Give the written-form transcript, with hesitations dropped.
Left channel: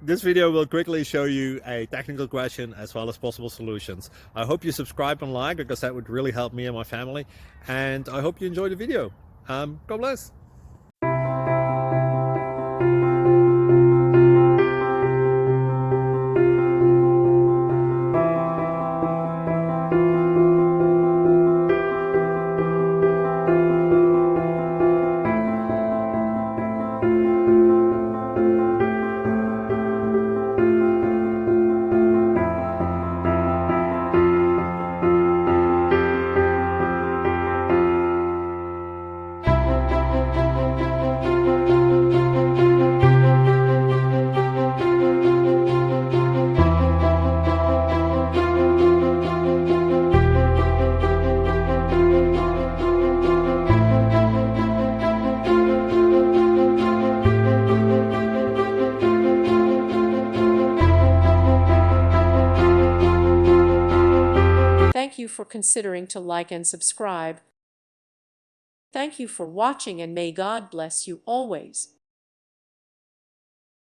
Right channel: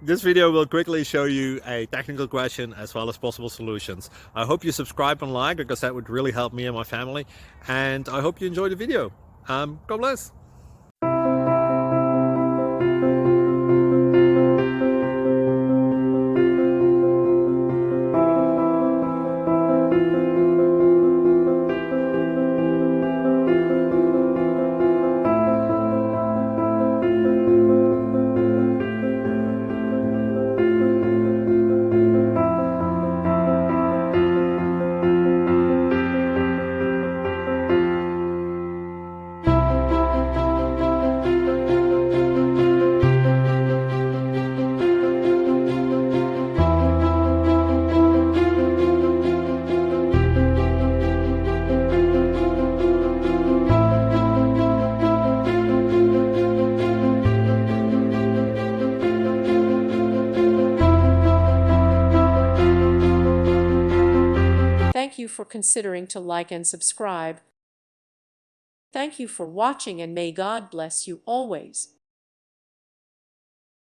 This video will quickly show you a technical question as well as possible solutions. I hope you subscribe and like, because that would really help me and my family. And I hope you enjoy the video. God bless. Thank you for considering to like and subscribe. Thank you for watching, and may God bless you always.